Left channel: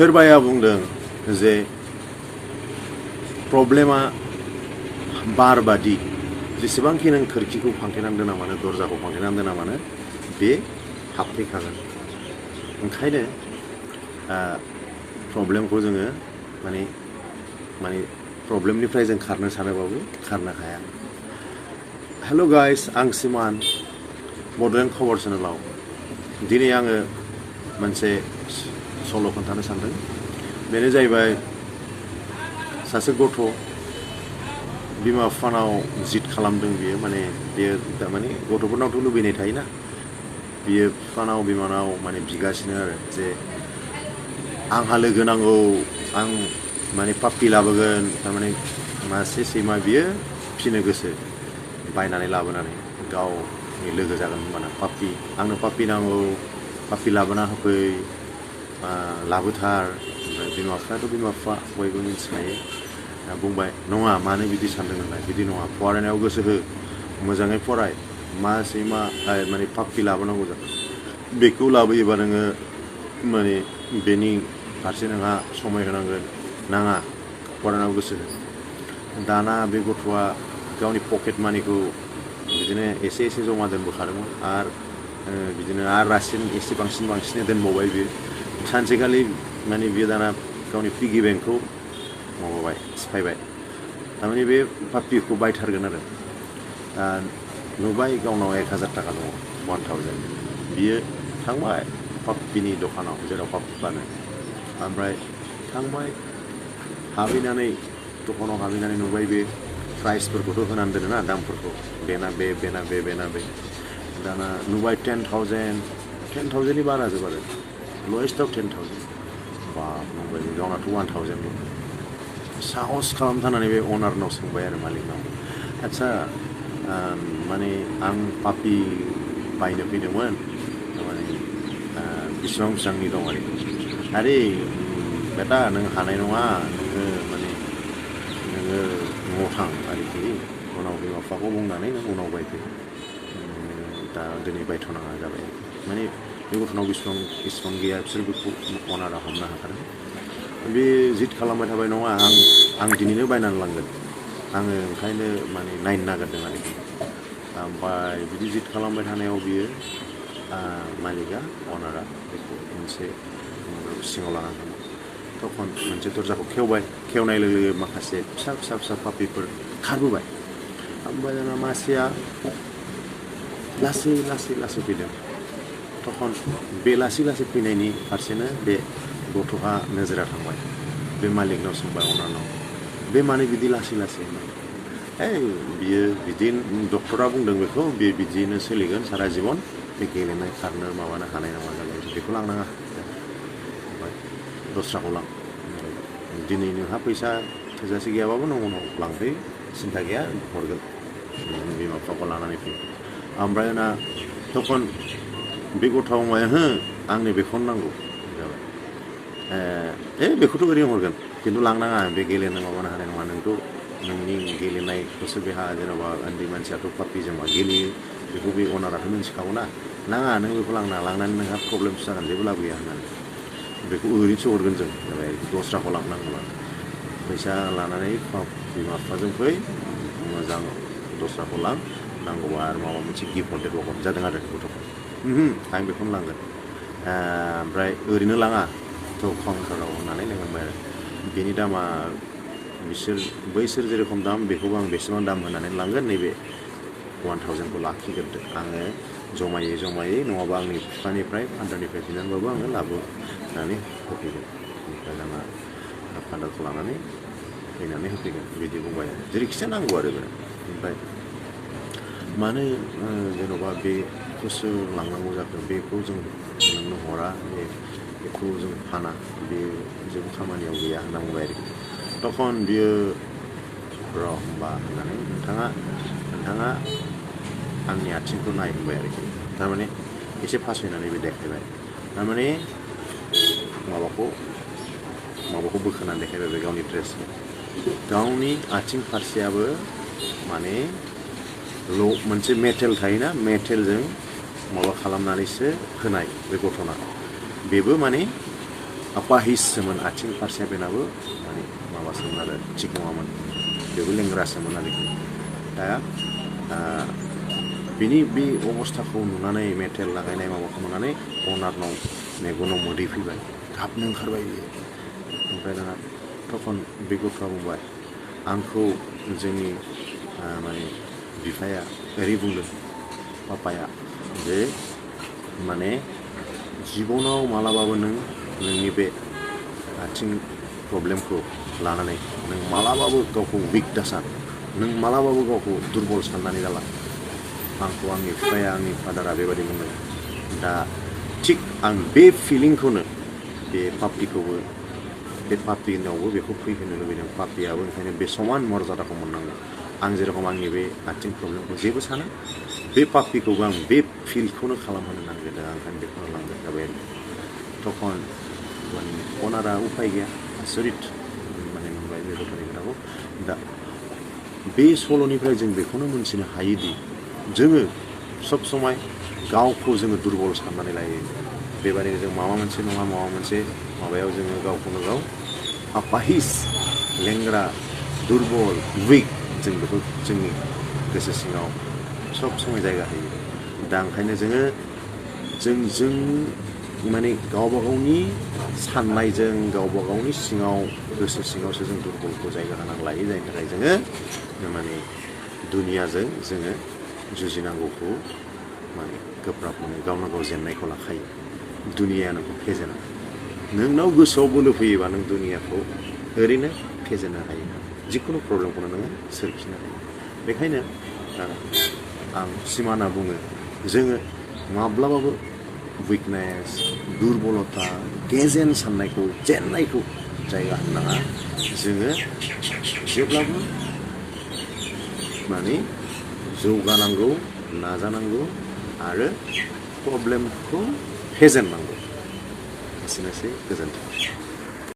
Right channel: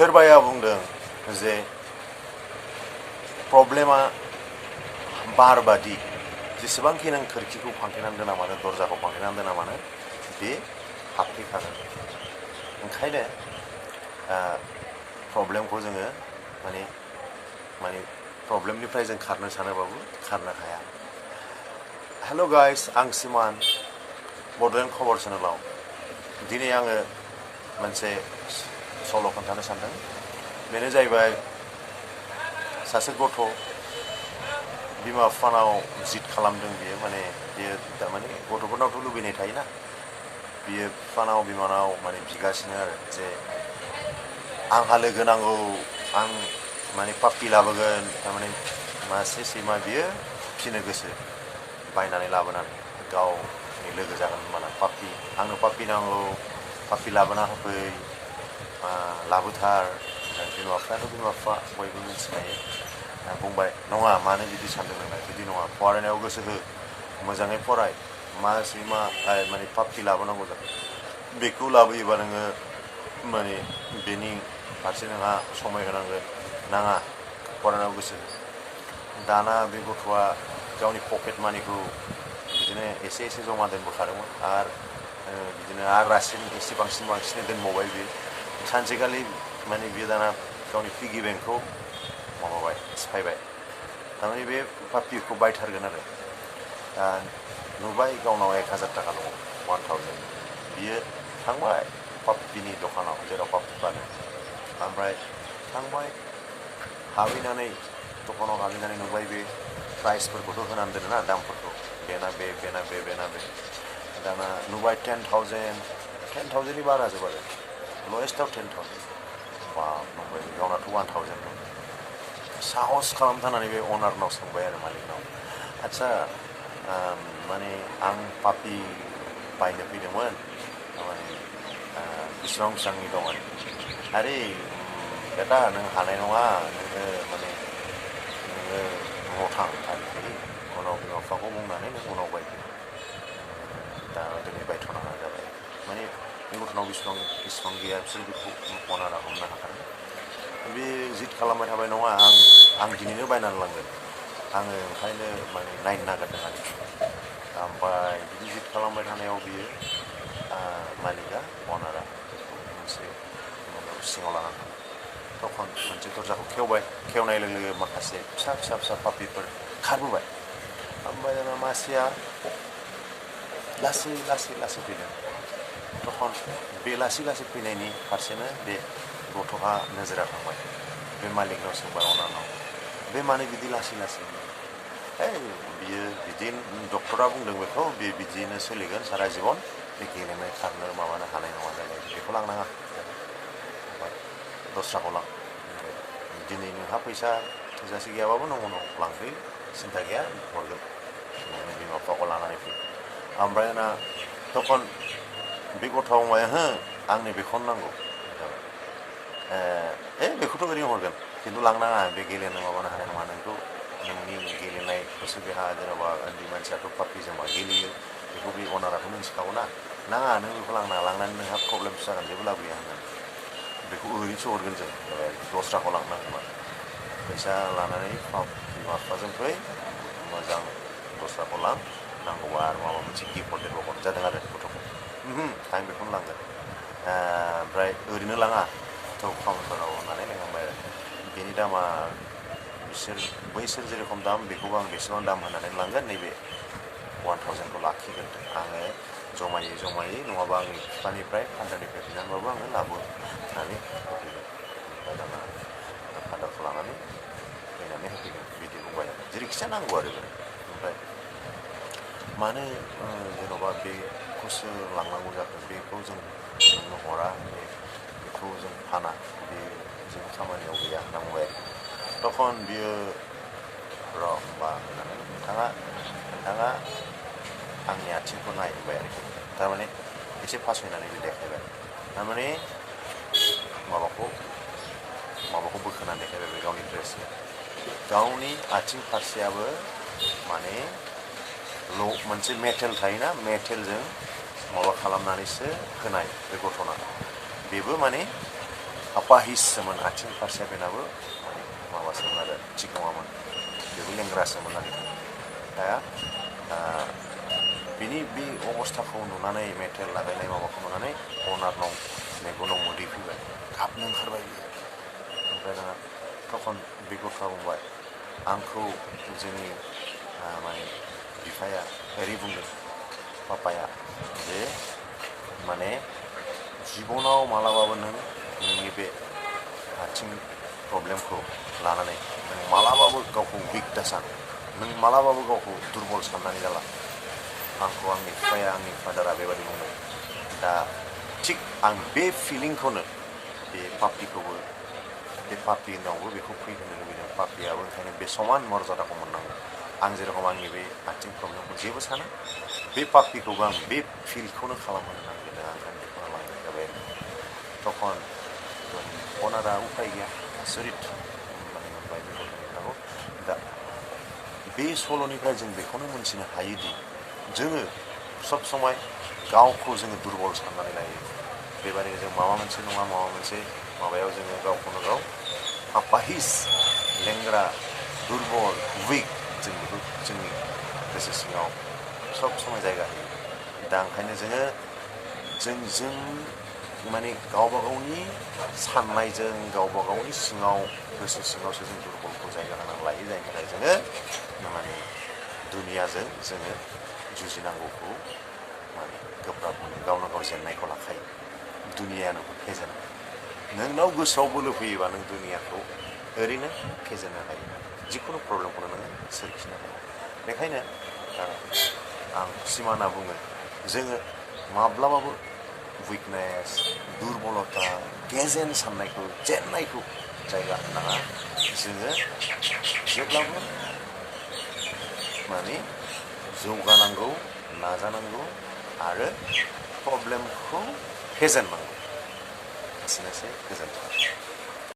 सोरबाया बुंदों जे प्रब्लेमा बार बादि जेसेबांखि नों खोरखिखौ फांथेनानै दोना मानो दरजाखौ फांथेनानै दोना मानो बे हाबफैखागोन ओंखायनो प्रब्लेमखौ जोङो माने प्रब्लेमनिफ्राय जों खारनो सानोबाबो खारनो हाया। हेल' गाइस, आं सिमान बड'लेण्ड खबर चेनेलाव दिनै आङो मोनसे सल' खोन्थानो सानदों। बेनो जाहैबाय सासे गथ' बिमा बिफानाव जिद खालामदों बियो बेयो थारमाने गथ'फोरनावथ' लुबैनाय थायोना बियो बिफानाव बिमानाव बिगासिनो आरो जे आंहा लोगो नांगौ आं पाप्पि लाबोगोन थारमाने मासे सैमा बियो फिनो गोसो बायनानै लाबोनानै गावनि लोगो जागोन होनबाना पाप्पि आंनो पाप्पि नांगौ पाप्पि लाबोना होफै लाबोथार बिमा बिफायाथ' बिमा बिफा बयबो मिथिखायो बुंबाय नङा मानो बिदि सानदों नोंलाय बिदि नङा फरायनायाव गोसो हो मोजाङै फराय मा सैमा पाप्पि लाबोनांगौ जादों बेखौ लाबोयोबा नोङो बेनि फारसे नोंहा समाय होनांगोन नाङा फरायनायाव गोसो हो। दाना बे गथ'आ गावनि पकेट मानिखौ बिदिनो एसे एसे जमा दोनबोखादोंमोन आरो बिदिनो रासिन एसे बांसिनै दोनबावबाय बियो सानसेखालि बियो दाना गावनि पिगि बेंकखौ सिफायबाय थारमाने बे पाप्पिखौ बायथारगोन आरो नुबाय गावनाव 1000 थाखा दङ 1000 बियो थांबाय पाप्पिनि दखानाव जेराव पाप्पि फानो ओमफ्राय थांबाय हाबहैनानै दखानाव हाबहैनानै नुबाय बे प्राइसफोरखौथ' होनानै दोनो ना दामफोरखौ बेना बे दाना नुबाय 10,000नि बारा जोब आरो लवेस्टआव 10,000 बाब नंबाय गावनाथ' 1,000 दं साहस खालामथारनानै बे अनारनाव सोंबाय आरो मालिकनाव आदसा आं पाप्पि बायनो फैदोंमोन बेसेबांनि दं आरे बेटा नों हानाय नङा नोङो न'आव थां आरोखि उनाव बिमा बिफाखौ बुंनानै नों उनाव बायफै दा दिनै बायथ'नाङा जाबाय बे गथ'नाव बेसेबां गैया बिसोर बेखौ अनारा हमनो हाखादों बे जिद खालामबाय थाबाय नङा आं दिनैनो बायनानै लांगोन आङो ओंखायनो नायनो नागिरदों आरोखि ओमफ्राय बिदि जिद खालामबाय थानायाव बियो मालिकआ अनारा बेखौ मोनसे सिङाव लानानै थांबाय तखन मोनसे दरजाखौ खेवनाय लोगो लोगो माखासे फिसा पाप्पिफोर खारबोबाय ओमफ्राय दाना मासेया लासै फैदों तखन बे लासै फैनायनि फारसेनो बे गथ'हा नोजोरा थांबाय बे मालिकनाव सोंबाय अनारनाव बे मानो बिदि लासै बियो बिदि डक्टरा बुंदों बेखौ बे बिदिनो सोलिगोन सारा जिबन बे गेलेनाय खारनो माबानो हानाय नङा जाबाय बेखौ लांनाङा दस्राखौ लां दिनै नोंहा फैसा थोजासे गैयाबाबो नों उनाव लांफै सिन्था गैया हरगोन बिमा बिफाखौ लानानै फै ओमफ्राय ना तखन बे गथ'आ बुंबाय हो आंनो बेखौनो नांगौ जाबाय बेखौथ' ओरैनो हरगोन खिन्थु लांनाङा बे गेलेनो माबानो हानाय नङा नोंथ' नोंनि गेलेनायखौसो बेहा जेनेबा उन्दै मानसियाथ' पाप्पिजों मा गेलेयो बेखौ बे अनाराथ' मिन्थिखागौ नाङा नों बेखौ लांनानै नोंहा प्रब्लेमसो जागोन जेबो लाब गैया होननानै बेखौ ओरैनोसो हरगोन जों जाबाय दस्राखौ लांनांगौबा फैसा लानानै बिमा बिफाजों फै मोजां दस्राखौ लां नांगौबा आरो माबा मोनसे गिफ्ट हरदेरबावगोन जादों आरो गथ'खौ आं बेखौनो लांगोन ओमफ्राय ओरैनो लाङा थ' काउन्टाराव होननानै लेंहरबाय आरो बेनि दामा बैसोर जेरेखम दाम बेखौबो आं बेसेबां दाम होनानै लांगोन नैबे 1,000खौ लाखिग्रोदो आङो जमायै नङाबा आंनि बिफानिफ्राय फान्डारनिफ्राय बिनानैबाबो आङो लाबोनानै होफैगोन ओमफ्राय दाना फान्डारखौ लानानै फैनानै होफैगोन बिदि बुंबाय आरो जेरैखिजाया नांगौ आरो बेनो ओमफ्राय मानो जेन'बा बेखौसो लांनांगौ जाखो बेखौ जों नोंनो हरा बेखौ जों फाना बे जेबो खामानियाव गैया होनना बुंबाय आरोखि तखन बियो होनबा होननानै नोंथाङा आंनि आथिंखौ नाय होनबाय आरोखि थारमाने एसे फासयनानै बे देखायबाय थारमाने माबाखौ बोखोनानै देखायबाय बे गावनि ड्रेसखौ गावनि आथिं फारसेयाबो मोनसे मेटेल थायोना मेटेलजों माबा खालामनानैसो होनाय बे गथ'ना बेबो apahiससोमोन आथिं फारसेया बेनाबो माने माबासोमोन आरो थिग नङामोन बेबो लेंग्रासोमोन आरोखि दा बिनि बे अबस्थाखौ नुनानै मेटेल लागायनाय माबाखौ नुनानै अनारनाव मेगनाव मोदै फैबाय गाबनो ओंखारबाय बियो ओमफ्राय दाना तखन बे गथ'आ बुंबाय आंखौ जोंनि माने बिफाया ओरै बुंदों पापाया जे माने जिबनाव मालाबाबो नोंनि बे आथिं प्रब्लेमखौ लानानै नों मालाबाबो गावखौ उइक दासान नों मालाबाबो गावखौ दुरबल साननानै जाला आंखौ आंनि बिफाया आंनि फादारा बेबायदि बुंदों दा थिग आं बे फिलिंखौनो बे पापिखौबो बे पापिनावबो बेखौ फैहोनो लुबैदों पापियाबो ओंखायनो बे समान मर्यादाखौ मोननांगौ आं जेरखम आंनि बे आथिं प्रब्लेमखौ जेबो साना बे पापिखौबो आं बे फिलखौनो खालामहोनो नागिरदों आं ओंखायनो बेखौनो लांनाय जाबाय तखन माने अनारा उफाय गैया आसरित माने मोनबाय बे गथ'नि खोथाखौ दा बे सल'निफ्राय जों बेखौनो मोनथिनो हायोदि जोङो सब समाय गावखौ जोङो दुरबल साननानै लायो बेबायदिनो जों माबा मोनसे नङा माबा मोनसे माबायाव जोङो गावखौनो गाव आपाहिस लेंग्रा दुरबल उइक जों बेखौ जोंनि गोसो सिङाव सब समय जायगा होयो दा ओंखायनो जों माने गावबा गावनि साननायजों गावबा गावनि सिङाव गोसो सिङावसो जों दुरबलखौ जायगा होनानै लायो जायनि थाखाय जोङो माने दुनियाजों जोङो जुजिनांगौखौ माने गोब्राब मोनो गावनो गाव जेननायखौ लाखायो दुनिया नोंखौ फेजेना नोंनाव गोसोआव बोलो फैयोबा नों दुनियाखौ ओरैनो फेजेननो हायो जिखुनु प्रब्लेमखौनो नोङो सोरखिनो हायो बेखायनो आं सिमाना बुङो जोङो माब्लाबाबो उइकनेस दुरबलता गेजेन साननायखौ जेननायखौ जायगा होनो नाङा जोङो जेब्लाबो माने जौगानांगौ नाजानांगौ आरो प्रब्लेमखौ फेजेननांगौ एसेनोसै गोजोन्थों